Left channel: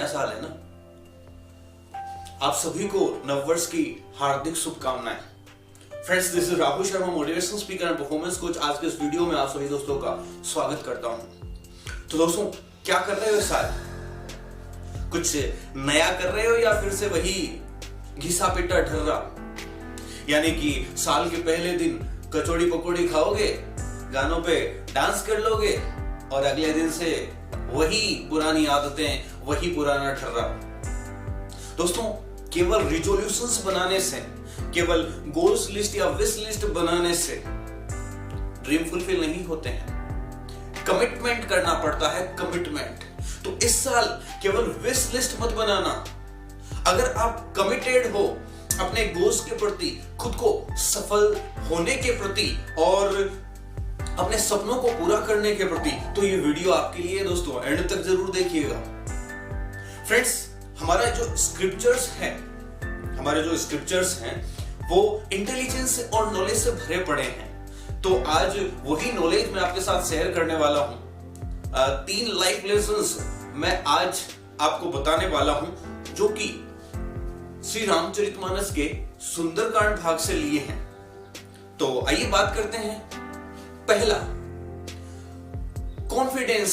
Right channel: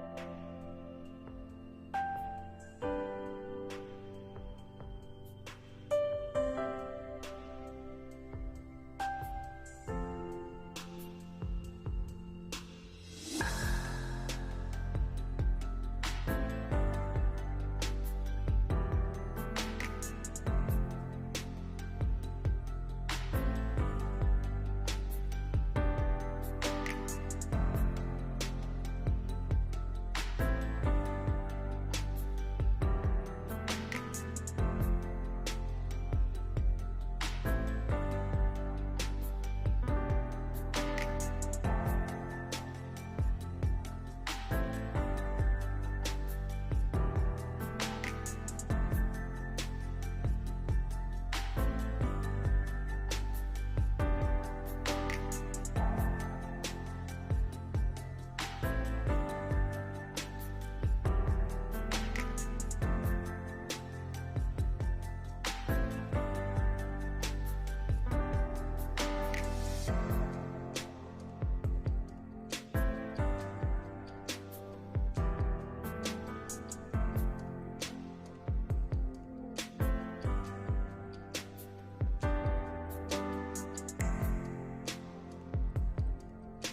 नया साल है ना। आप सभी को नववर्ष की हार्दिक शुभकामनाएं। Friends, this is Rahul Sharma, motivational speaker and performance coach. आज के इस वीडियो में आप सभी दोस्तों का स्वागत करता हूं। तो दोस्तों, क्या कर रहे हो इस साल? कुछ नया कर रहे हो या फिर से वही घिसा पिटा ठर्रा? यानी कि साल के पहले दिन कचौड़ी पकौड़ी खाओगे, गानों पे डांस कर लोगे और अगले दिन से वही पुरानी आदतें, वही पुराना ठर्रा। दोस्तों, केवल रिजोल्यूशंस बनाने से, केवल गोल्स लिस्ट या विश लिस्ट बनाने से ड्रीम फुलफिल नहीं होते हैं। कमिटमेंट करना पड़ता है, कमिटमेंट। तो इस साल केवल विश लिस्ट मत बनाना। अगर आप कमिटेड हो अपने गोल्स के प्रति, खुद को सफल होने के प्रति और अपने सपनों को पूरा करने के प्रति, तो ये वीडियो आपके लिए दोस्तों, एंड तक जरूर देखिएगा। फ्रेंड्स, हमारे जो स्क्रिप्चर्स हैं वो इंटेलिजेंस और नॉलेज से भरे पड़े हैं। तो आज वही नॉलेज मैं आपके साथ शेयर करने वाला हूं। 3 लाइफ लेसन्स मैं आज आपको बताने वाला हूं, जो कि श्री रामचरितमानस के सुंदरकांड भाग से लिए हैं। तो आइए बात करते हैं। पहला, कॉन्फिडेंस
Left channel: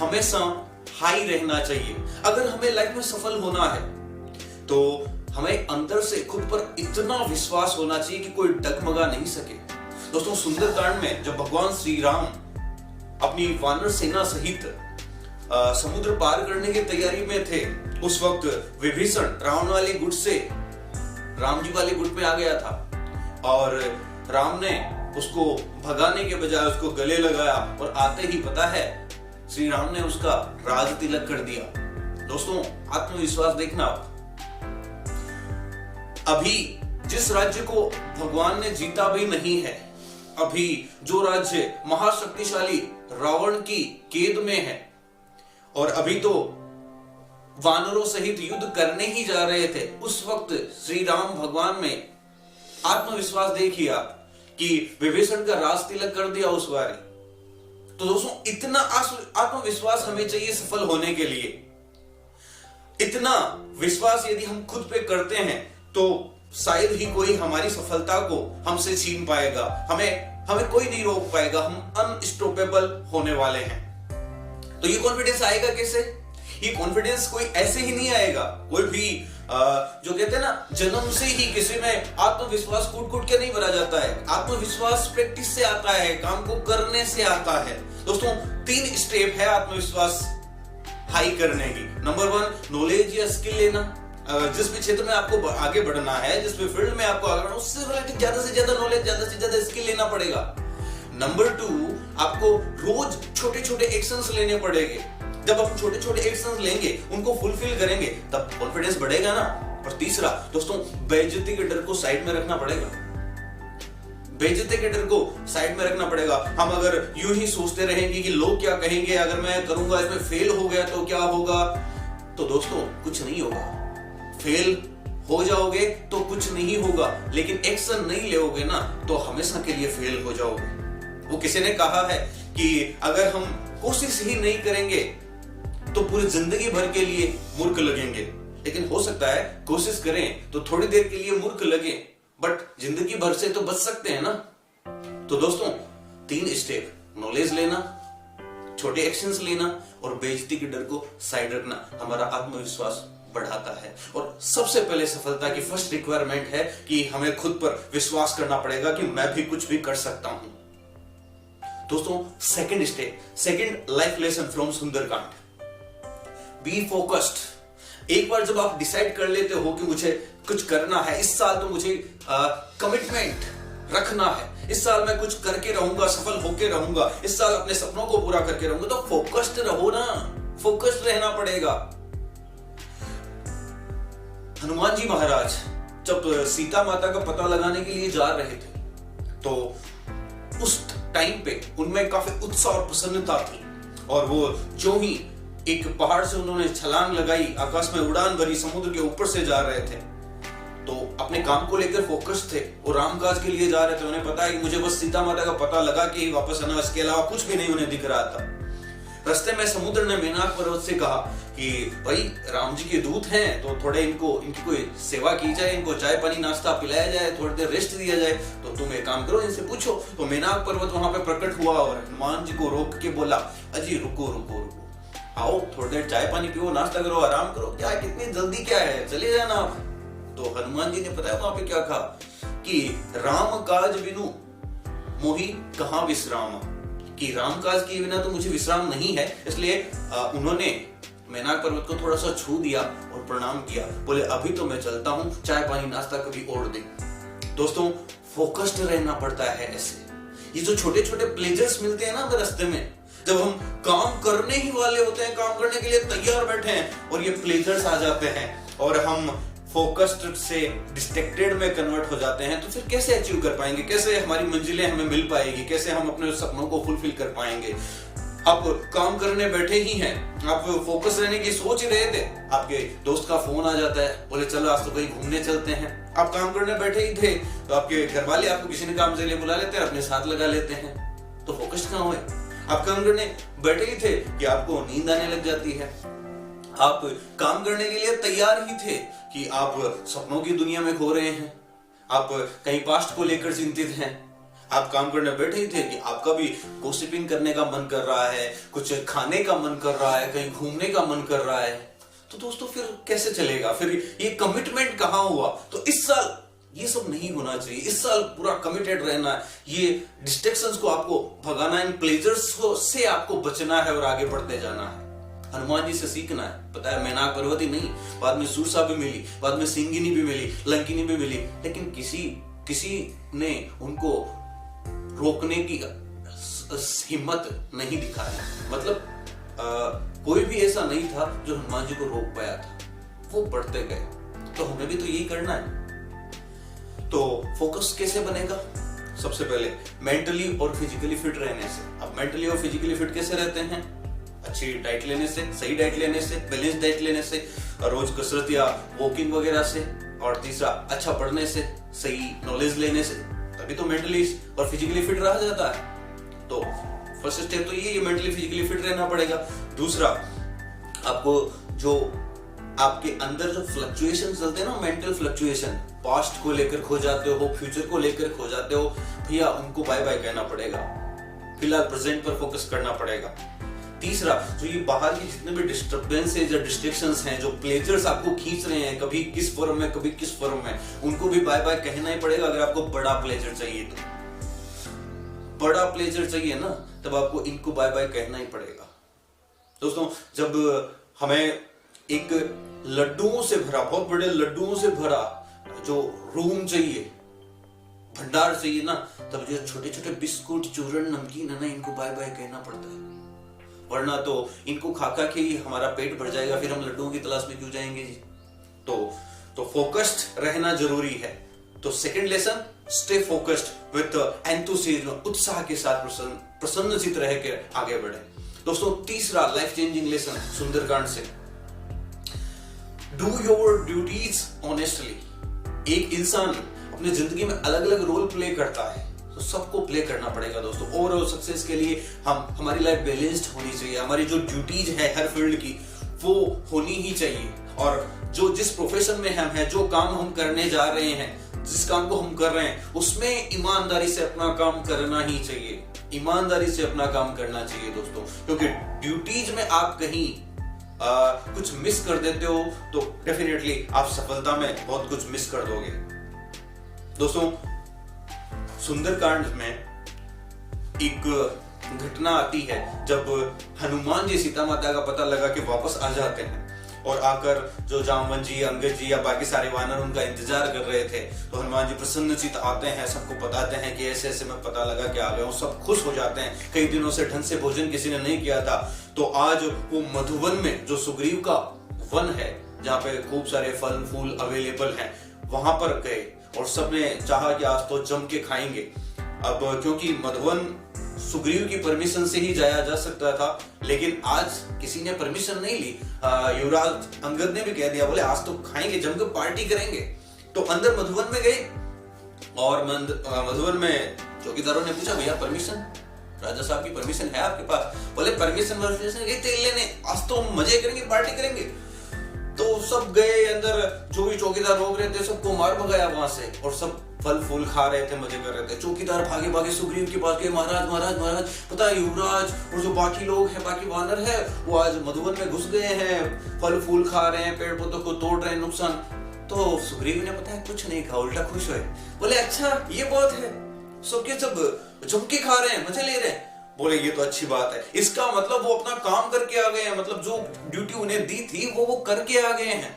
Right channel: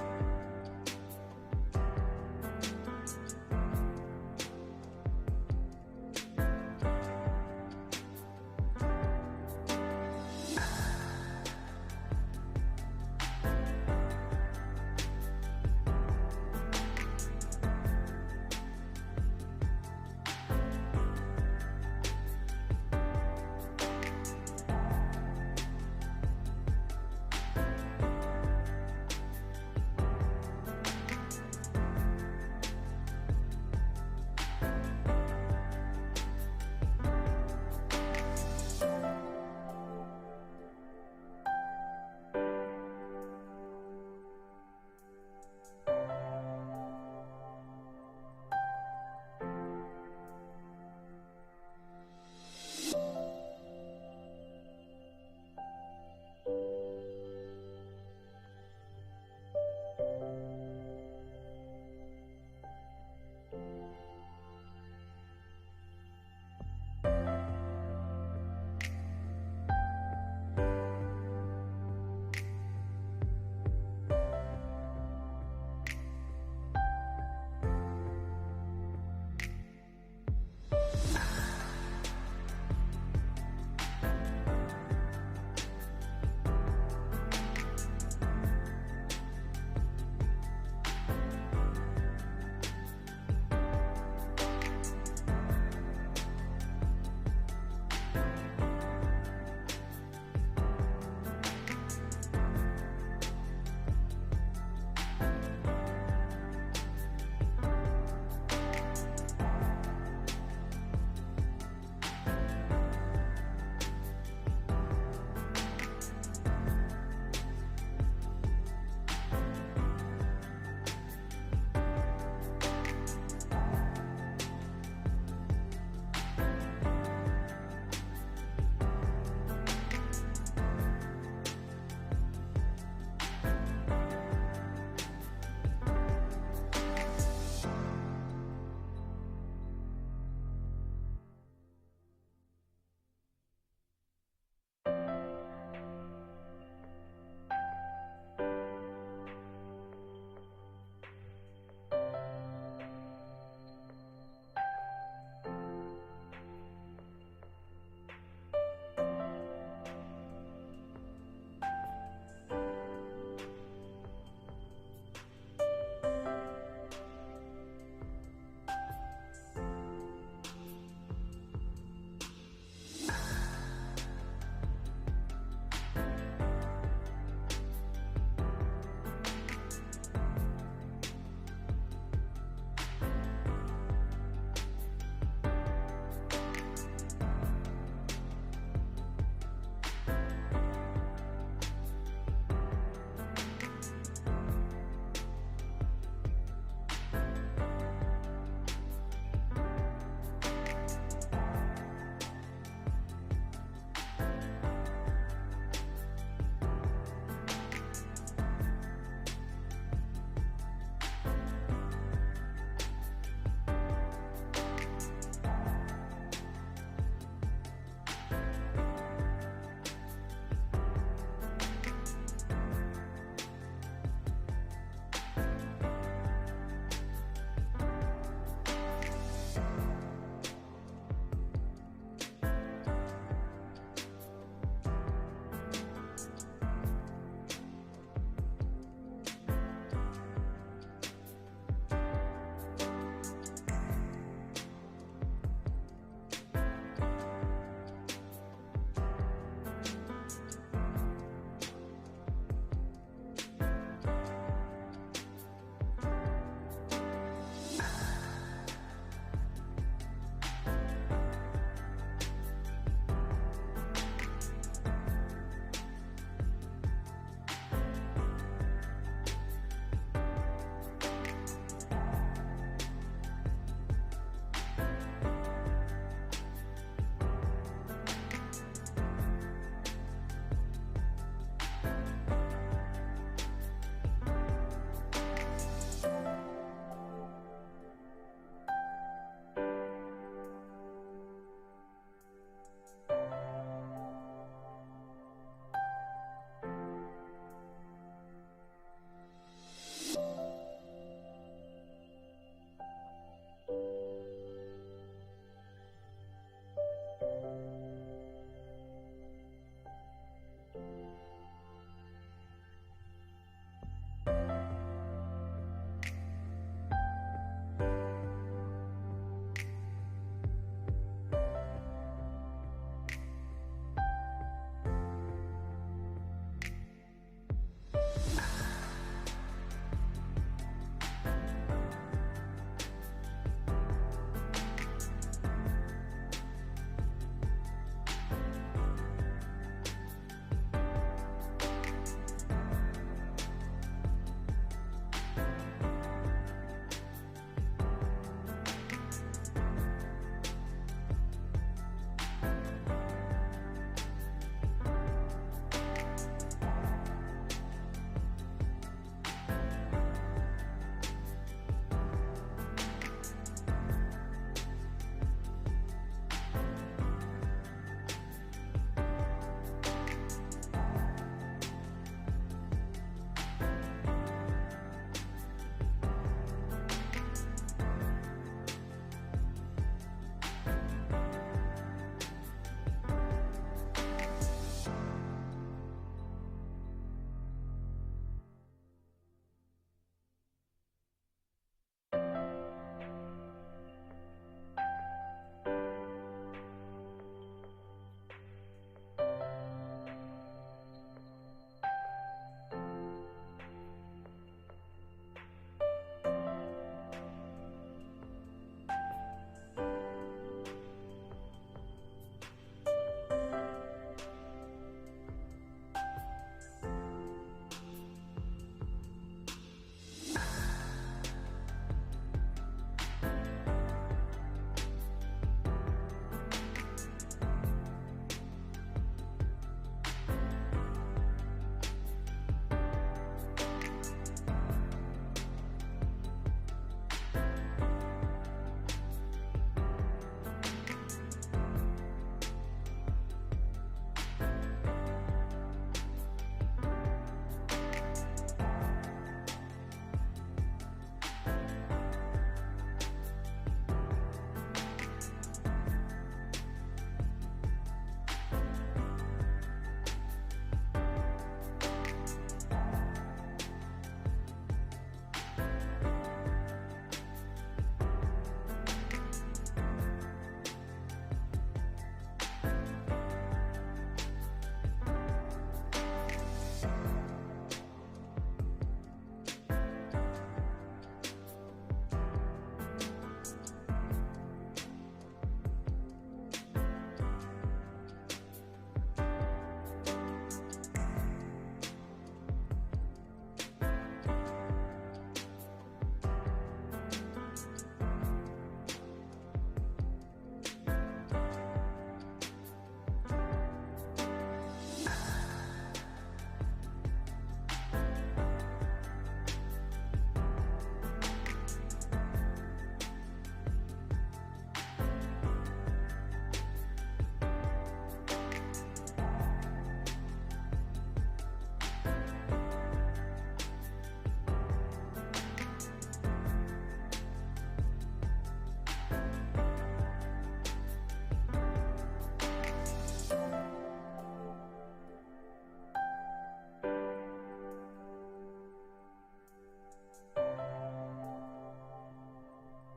हमेशा हाई रहना चाहिए। अगर हमें लाइफ में सफल होना है तो हमें अंदर से खुद पर इतना विश्वास होना चाहिए कि कोई डगमगा नहीं सके। दोस्तों, सुंदरकांड में जब भगवान श्री राम अपनी वानर सेना सहित समुद्र पार करने की तैयारी में थे, उस वक्त विभीषण रावण वाले गुट से राम जी वाले गुट में आ गया था और राम ने उसको भगाने के बजाय उसको गले लगाया और आते ही पता है श्री राम ने उसका राज तिलक कर दिया। दोस्तों, आत्मविश्वास देखना। अभी जिस राज्य को भगवान ने जीता भी नहीं है, अभी जो राज्य महाशक्तिशाली रावण की कैद में है और अभी तो वानरों सहित युद्ध करने ही जा रहे थे, उस वक्त श्री राम भगवान में आत्मविश्वास देखिए आप कि विभीषण का राज तिलक कर दिया उस बार। तो दोस्तों, इतना आत्मविश्वास हमें चाहिए सफल होने के लिए। इतना विश्वास यदि हम खुद पे करते हैं तो शायद ही कोई हमारी सफलता को हमसे छीन पाएगा। हमें कोई नहीं रोक पाएगा। हम अनस्टॉपेबल होने वाले हैं। तो ये कॉन्फिडेंस आएगा कैसे? ये कॉन्फिडेंस कोई ऐसे ही नहीं आएगा। कोई भी जो कहते हैं ना, जन्म से ही किसी में आत्मविश्वास कूट के नहीं भरा जाता है। आत्मविश्वास प्रैक्टिस से आता है, काम को करने से आता है। दोस्तों, 3 स्टेप है आत्मविश्वास हाई करने की। नंबर 1, नॉलेज या स्किल लेना। जिस भी क्षेत्र में आपको आगे बढ़ना है, जिस भी फील्ड में आपको आगे बढ़ना है, उससे रिलेटेड ज्यादा से ज्यादा नॉलेज, ज्यादा से ज्यादा स्किल लेना पड़ेगा। नंबर 2, आपको रोज छोटे छोटे एक्शंस लेने पड़ेंगे। जब आप छोटे छोटे एक्शंस लेंगे, उनको फुलफिल करेंगे, तब कॉन्फिडेंस बढ़ेगा ना। और तीसरा दोस्तों, बेइज्जती के डर को साइड में रखना पड़ेगा। बेइज्जती के डर को साइड में रखना पड़ेगा। हम अगर यूं ही सोचते रहेंगे कि लोग क्या कहेंगे, अगर मैं करूंगा, इसमें फेल हो गया तो क्या होगा, तो दोस्तों कुछ नहीं होगा। फेल हो जाओगे तो कुछ नहीं होगा, लेकिन एक्शन नहीं लोगे ना तो हमेशा के लिए फेल हो जाओगे। वो किसी ने कहा है कि अगर हम कोशिश ही नहीं करेंगे तो पूरी जिंदगी भर के लिए मूर्ख लगेंगे। लेकिन हो सकता है कोशिश करें तो थोड़ी देर के लिए मूर्ख लगे, बट जिंदगी भर से तो बच सकते हैं ना। तो दोस्तों, 3 स्टेप, नॉलेज लेना, छोटे एक्शंस लेना और बेइज्जती के डर को साइड रखना हमारा आत्मविश्वास बढ़ाता है। और सबसे पहले सफलता की फर्स्ट रिक्वायरमेंट है कि हमें खुद पर विश्वास करना पड़ेगा कि मैं भी कुछ भी कर सकता हूं। दोस्तों, second step, second life lesson from Sundarkand, be focused. एक बार जब आप डिसाइड कर लेते हो कि मुझे कुछ करना है इस साल, तो मुझे कमिटमेंट रखना है, इस साल मैं कुछ करके रहूंगा, सफल होके रहूंगा, इस साल अपने सपनों को पूरा करके रहूंगा, तो फोकस्ड रहो ना, फोकस्ड रहना पड़ेगा। हनुमान जी महाराज जब सीता माता का पता लगाने के लिए जा रहे थे, तो उस टाइम पे उनमें काफी उत्साह और प्रसन्नता थी और वो जो ही एक पहाड़ से उन्होंने छलांग लगाई, आकाश में उड़ान भरी, समुद्र के ऊपर से जा रहे थे, तो अपने काम को लेकर फोकस थे। वो रामकाज के लिए जा रहे थे। उन्हें पता है कि मुझे बस सीता माता का पता लगा के ही वापस आना, इसके अलावा कुछ भी नहीं उन्हें दिख रहा था। रास्ते में समुद्र ने मेनाक पर्वत से कहा कि भाई राम जी के दूत हैं तो थोड़े इनको सेवा की जाए, इनको चाय पानी नाश्ता पिलाया जाए, थोड़ी देर रेस्ट दिया जाए। तो तुम एक काम करो, इनसे पूछो। तो मेनाक पर्वत वहां पे प्रकट हुआ और हनुमान जी को रोक के बोला, अजी रुको रुको रुको, आओ थोड़ी देर चाय पानी पियो, नाश्ता करो, आराम करो, क्या कितनी जल्दी क्या है, चले जाना आप। तो हनुमान जी ने बताया वहां पे क्या कहा कि राम काज बिनु मोहि कहाँ विश्राम, कि राम काज के बिना तो मुझे विश्राम नहीं है। इसलिए उन्होंने मेनाक पर्वत को थोड़ा सा छू दिया और प्रणाम किया, बोले अभी तो मैं चलता हूँ, चाय पानी नाश्ता कभी और दे। दोस्तों फोकस्ड रहना पड़ता है ऐसे। ये जो छोटे छोटे प्लेजर्स मिलते हैं ना रास्ते में, जब हम काम करने ही वाले होते हैं, काम करने के लिए तैयार बैठे हैं और ये प्लेजर्स आ जाते हैं और हम फोकस्ड से डिस्ट्रैक्टेड में कन्वर्ट हो जाते हैं, तो फिर कैसे अचीव कर पाएंगे, कैसे हमारी मंजिलें हमें मिल पाएगी, कैसे हम अपने सपनों को फुलफिल कर पाएंगे। आप काम करने बैठे ही हैं, आप फोकस रहने की सोच ही रहे थे, आपके दोस्त का फोन आ जाता है, बोले चलो आज तो कहीं घूमने चलते हैं। आप काम करने बैठे ही थे तो आपके घर वाले आपको किसी ने काम से लिए बुला लेते हैं, अपने साथ लगा लेते हैं, तो फोकस कहाँ हुए। आप काम करने बैठे ही थे कि आपको नींद आने लग जाती है। आप काम करने के लिए तैयार ही थे कि आप सपनों की दुनिया में खो रहे हैं, आप कहीं पास्ट को लेकर चिंतित हैं। आप काम करने बैठे ही थे कि आपका भी गॉसिपिंग करने का मन कर रहा है, कुछ खाने का मन कर रहा है, कहीं घूमने का मन कर रहा है। तो दोस्तों फिर कैसे चलेगा, फिर ये कमिटमेंट कहाँ हुआ। तो इस साल ये सब नहीं होना चाहिए, इस साल पूरा कमिटेड रहना है, ये डिस्ट्रैक्शंस को आपको भगाना, इन प्लेजर्स को से आपको बचना है और आगे बढ़ते जाना है। हनुमान जी से सीखना है। पता है मेनाक पर्वत ही नहीं, बाद में सूरसा भी मिली, बाद में सिंगिनी भी मिली, लंकिनी भी मिली, लेकिन किसी ने उनको रोकने की हिम्मत नहीं दिखाया। मतलब कोई भी ऐसा नहीं था जो हनुमान जी को रोक पाया था, वो बढ़ते गए। तो हमें भी तो यही करना है। तो फोकस कैसे बनेगा? सबसे पहले मेंटली और फिजिकली फिट रहने से। अब मेंटली और फिजिकली फिट कैसे रहते हैं? अच्छी डाइट लेने से, सही डाइट लेने से, बैलेंस डाइट लेने से, रोज कसरत या वॉकिंग वगैरह से, और तीसरा अच्छा पढ़ने से, सही नॉलेज लेने से, तभी तो मेंटली और फिजिकली फिट रहा जाता है। तो फर्स्ट स्टेप तो ये मेंटली फिजिकली फिट रहना पड़ेगा। दूसरा, आपको जो आपके अंदर जो फ्लक्चुएशन चलते हैं ना, मेंटल फ्लक्चुएशन, पास्ट को लेकर खो जाते हो, फ्यूचर को लेकर खो जाते हो, भैया उनको बाय बाय कहना पड़ेगा। फिलहाल प्रेजेंट पर फोकस करना पड़ेगा। तीसरा, जो ये बाहर की जितने भी डिस्टर्बेंसेस या डिस्ट्रैक्शंस हैं, जो प्लेजर्स आपको खींच रहे हैं, कभी किस फॉर्म में कभी किस फॉर्म में, उनको भी बाय बाय कहना ही पड़ेगा। अगर आपको बड़ा प्लेजर चाहिए तो, बड़ा प्लेजर चाहिए ना, तब आपको इनको बाय बाय कहना ही पड़ेगा। दोस्तों, जब हमें एक लड्डुओं से भरा, बहुत बड़े लड्डुओं से भरा जो रूम चाहिए, भंडार चाहिए ना, तब जो छोटे छोटे बिस्कुट, चूरन, नमकीन है ना, इनको बाय बाय कहना पड़ता है। वरना तो इनको खा खा के ही हमारा पेट भर जाएगा, फिर हम लड्डुओं की तलाश में क्यों जाएंगे जी। तो फोकस्ड रहना जरूरी है। तो second lesson, stay focused with enthusiasm, उत्साह के साथ प्रसन्नचित रह के आगे बढ़े। दोस्तों, तीसरा लाइफ चेंजिंग लेसन सुंदरकांड से, डू योर ड्यूटीज ऑनेस्टली। एक इंसान अपनी जिंदगी में अलग अलग रोल प्ले करता है, तो सबको प्ले करना पड़ेगा दोस्तों। ओवरऑल सक्सेस के लिए हमारी लाइफ बैलेंस्ड होनी चाहिए। हमारी जो ड्यूटीज है हर फील्ड की, वो होनी ही चाहिए। और जिस प्रोफेशन में हम हैं, जो काम हम करने जा रहे हैं, जिस काम को हम कर रहे हैं, उसमें ईमानदारी से अपना काम करना ही चाहिए। ईमानदारी से अपना काम करना चाहिए दोस्तों, क्योंकि ड्यूटीज में आप कहीं कुछ मिस कर देते हो तो डेफिनेटली आप सफलता में बहुत कुछ मिस कर दोगे। दोस्तों, सुंदरकांड में एक घटना आती है जब हनुमान जी सीता माता का पता लगा के वापस आ जाते हैं, और आकर जो जामवन जी, अंगद जी या बाकी सारे वानर उनका इंतजार कर रहे थे, तो हनुमान जी प्रसन्नचित आते हैं, सबको बताते हैं कि ऐसे ऐसे मैं पता लगा के आ गया हूँ। सब खुश हो जाते हैं, कई दिनों से ढंग से भोजन किसी ने नहीं किया था। तो आज वो मधुवन में, जो सुग्रीव का वन है, जहाँ पे खूब सारे फल फूल अवेलेबल हैं, वहां पर गए और सबने चाहा कि आज तो जम के खाएंगे। अब क्योंकि मधुवन सुग्रीव की परमिशन से ही जाया जा सकता था, लेकिन आज किसी ने परमिशन नहीं ली। युवराज अंगद ने भी कह दिया, बोले आज तो खाएंगे, जमकर पार्टी करेंगे। तो अंदर मधुवन में गए और मधुवन में चौकीदारों ने पूछा, भैया परमिशन? राजा साहब की परमिशन है आपके पास? बोले परमिशन गए तेल लेने, आज तो मजे करेंगे, पार्टी करेंगे। तो सब गए अंदर, जो भी चौकीदार रोक रहे थे सबको मार भगाया वहां से, और सब फल फूल खा रहे थे, मजे कर रहे थे। चौकीदार भागे भागे सुग्रीव के पास गए, महाराज महाराज महाराज, पता है युवराज और जो बाकी लोग हैं, बाकी वानर है, वो आज मधुवन में घुस गए हैं, फल फूल खा रहे हैं, पेड़ पौधों को तोड़ रहे हैं, नुकसान। तो सुग्रीव ने पता है कुछ नहीं कहा, उल्टा खुश हुए, बोले अच्छा ये बात है, सबके सब जम के खा रहे हैं, मजे ले रहे हैं। बोले ये तो अच्छी बात है, इसका मतलब वो अपना काम करके आ गए हैं, मतलब जो ड्यूटी उन्हें दी थी वो करके आ गए हैं।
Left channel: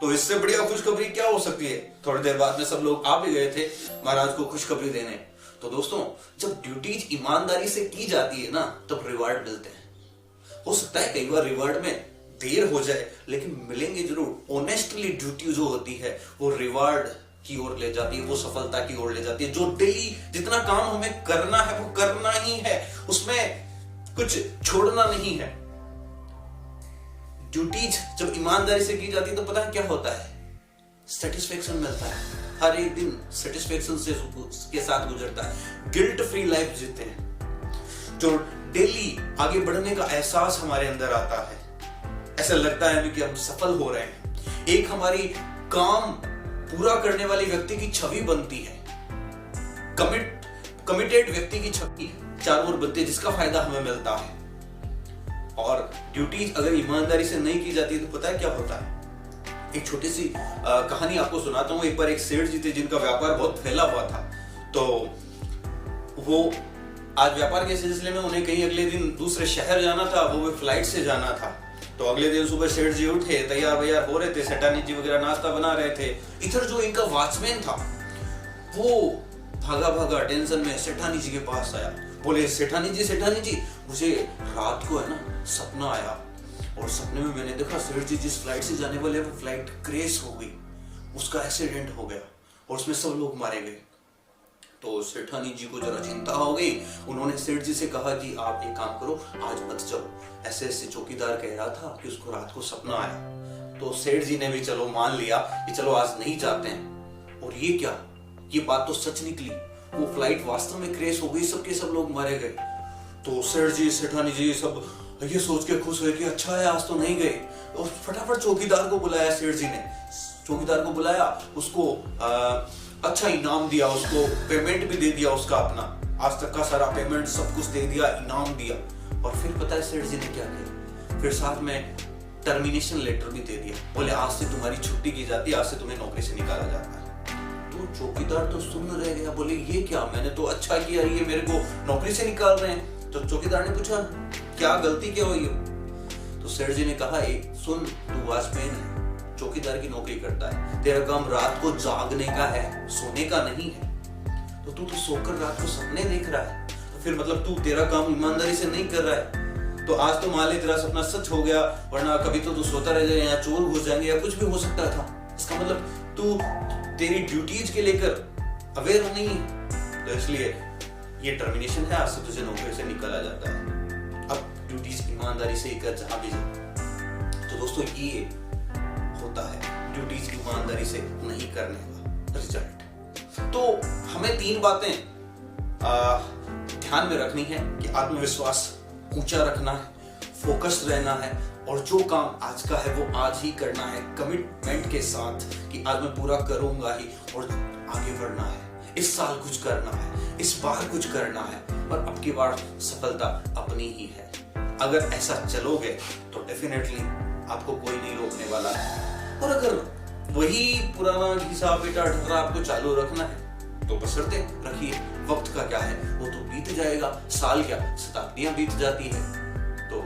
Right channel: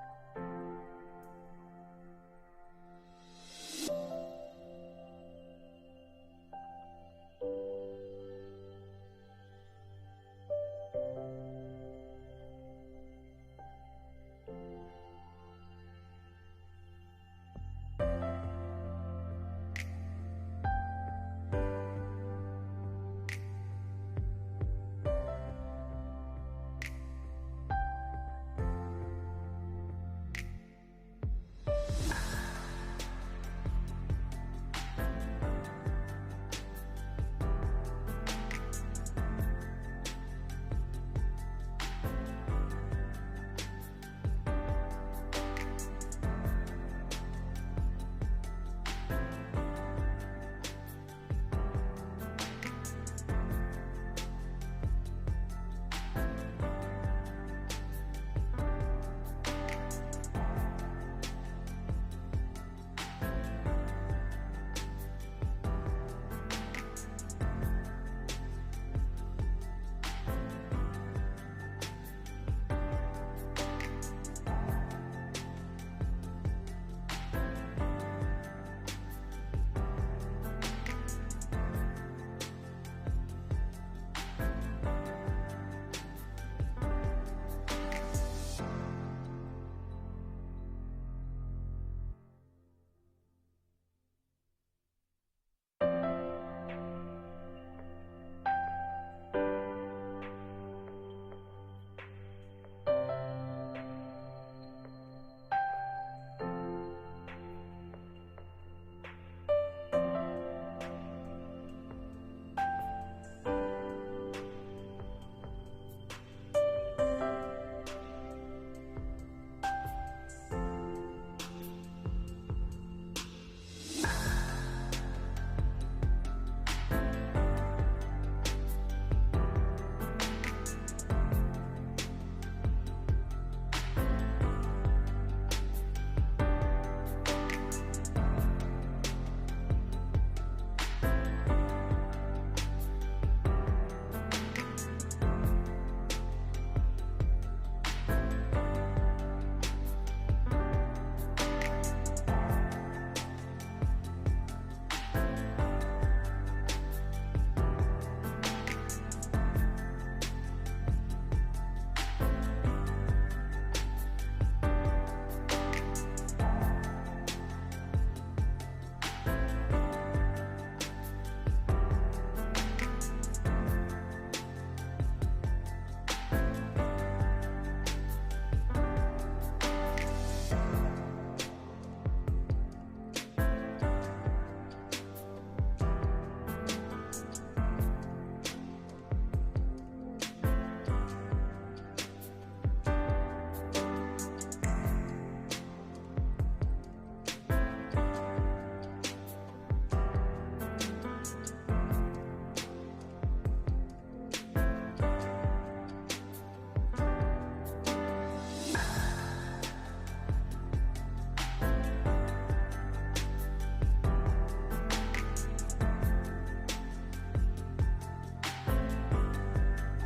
तो इससे बढ़िया खुशखबरी क्या हो सकती है। थोड़ी देर बाद में सब लोग आ भी गए थे महाराज को खुशखबरी देने। तो दोस्तों, जब ड्यूटीज ईमानदारी से की जाती है ना, तब रिवार्ड मिलते हैं। हो सकता है कई बार रिवार्ड में देर हो जाए, लेकिन मिलेंगे जरूर। ऑनेस्टली ड्यूटी जो होती है वो रिवार्ड की ओर ले जाती है, वो सफलता की ओर ले जाती है। जो डेली जितना काम हमें करना है वो करना ही है, उसमें कुछ छोड़ना नहीं है। ड्यूटीज जब ईमानदारी से की जाती है तो पता है क्या होता है, सेटिस्फेक्शन मिलता है। हर एक दिन सेटिस्फेक्शन से के साथ गुजरता है, गिल्ट फ्री लाइफ जीते हैं। जो डेली आगे बढ़ने का एहसास हमारे अंदर आता है, ऐसा लगता है कि हम सफल हो रहे हैं। एक हमारी काम पूरा करने वाले व्यक्ति की छवि बनती है, कमिटेड व्यक्ति की छवि चारों ओर बनती है, जिसका फायदा हमें मिलता है। और ड्यूटीज अगर ईमानदारी से नहीं की जाती तो पता है क्या होता है। एक छोटी सी कहानी आपको सुनाता हूँ। एक बार एक सेठ जी थे जिनका व्यापार बहुत फैला हुआ था। तो वो आज व्यापार के सिलसिले में उन्हें कहीं अगले दिन दूसरे शहर जाना था, वो फ्लाइट से जाना था। तो अगले दिन सुबह सेठ जी उठे, तैयार वैयार हो रहे थे, सेठानी जी वगैरह नाश्ता बना रहे थे। इधर जो इनका वॉचमैन था वो भागा भागा टेंशन में सेठानी जी के पास आया। बोले सेठानी जी मुझे रात को है ना सपना आया, और सपने में मैंने देखा सेठ जी जिस फ्लाइट से जाने वाले वो फ्लाइट क्रैश हो गई, उसका एक्सीडेंट हो गया और उसमें सब लोग मारे गए। तो सेठानी जी को जरा चिंता हो गई। उन्होंने सेठ जी से कहा कि आप एक काम करो, आज मत जाओ। ऐसे ऐसे चौकीदार कह रहा था कि उसको रात को सपना आया। तो सेठ जी ने भी चलो मान लिया कि चलो आज नहीं जाते हैं। और ये क्या, ये बात तो सच निकली, वो फ्लाइट वास्तव में क्रैश हो गई, सबके सब लोग मारे गए। तो सेठ जी सेठानी जी सब ये सोच के खुश हुए कि अच्छा है आज तो नहीं गए। और फटाफट चौकीदार को बुलाया सेठ जी ने, चौकीदार को बुलाया, उसको अच्छा इनाम दिया, उसको पेमेंट भी दे दिया, उसका अपना आज तक का सारा पेमेंट सब कुछ दे दिया, इनाम दिया। और फिर पता है सेठ जी ने क्या किया, फिर साथ में टर्मिनेशन लेटर भी दे दिया। बोले आज से तुम्हारी छुट्टी की जाती है, आज से तुम्हें नौकरी से निकाला जाता है। तो चौकीदार तो सुन रह गया, बोले ये क्या, मैंने तो अच्छा किया, ये मेरे को नौकरी से निकाल रहे हैं। तो चौकीदार ने पूछा क्या गलती क्या हुई। तो सेठ जी ने कहा सुन, तू वॉचमैन है, चौकीदार की नौकरी करता है, तेरा काम रात को जागने का है, सोने का नहीं है। तो तू तो सोकर रात को सपने देख रहा है, तो फिर मतलब तू तेरा काम ईमानदारी से नहीं कर रहा है। तो आज तो मान ले तेरा सपना सच हो गया, वरना कभी तो तू सोता रह जाए, या चोर घुस जाएंगे, या कुछ भी हो सकता था। इसका मतलब तू तेरी ड्यूटीज के लेकर अवेयर नहीं है, तो इसलिए ये टर्मिनेशन है, आज से तुझे नौकरी से निकाला जाता है। अब ड्यूटीज ईमानदारी से कर जहां भी जाए। तो दोस्तों ये होता है ड्यूटीज ईमानदारी से नहीं करने का रिजल्ट। तो हमें 3 बातें ध्यान में रखनी है कि आत्मविश्वास ऊंचा रखना है, फोकस्ड रहना है, और जो काम आज का है वो आज ही करना है, कमिटमेंट के साथ कि आज मैं पूरा करूंगा ही, और आगे बढ़ना है। इस साल कुछ करना है, इस बार कुछ करना है, और अब की बार सफलता अपनी ही है। अगर ऐसा चलोगे तो डेफिनेटली आपको कोई नहीं रोकने वाला है। और अगर वही पुराना घिसा बेटा ढर्रा आपको चालू रखना है तो बशर्ते रखिए। वक्त का क्या है, वो तो बीत जाएगा, साल क्या शताब्दियां बीत जाती है। तो